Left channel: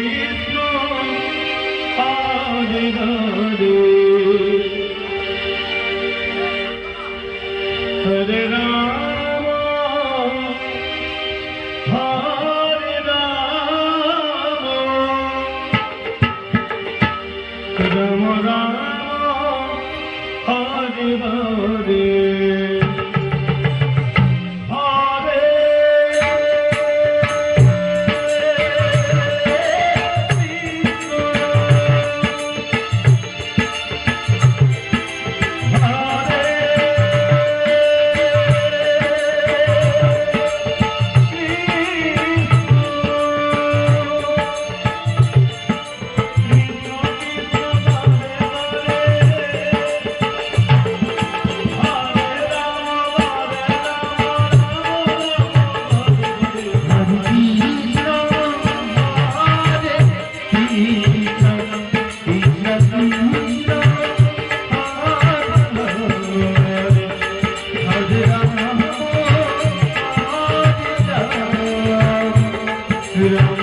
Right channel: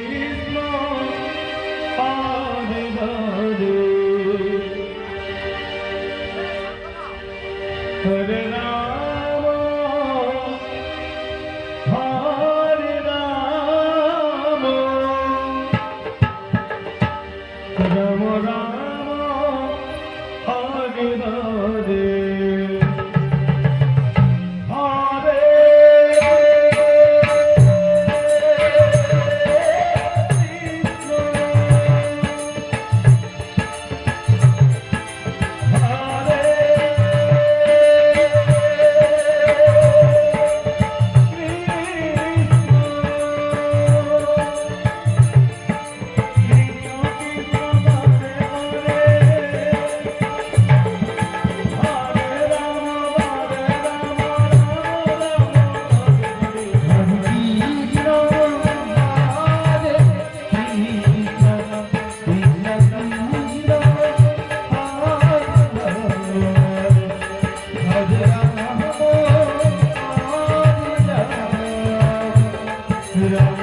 is known, Hallelujah. you.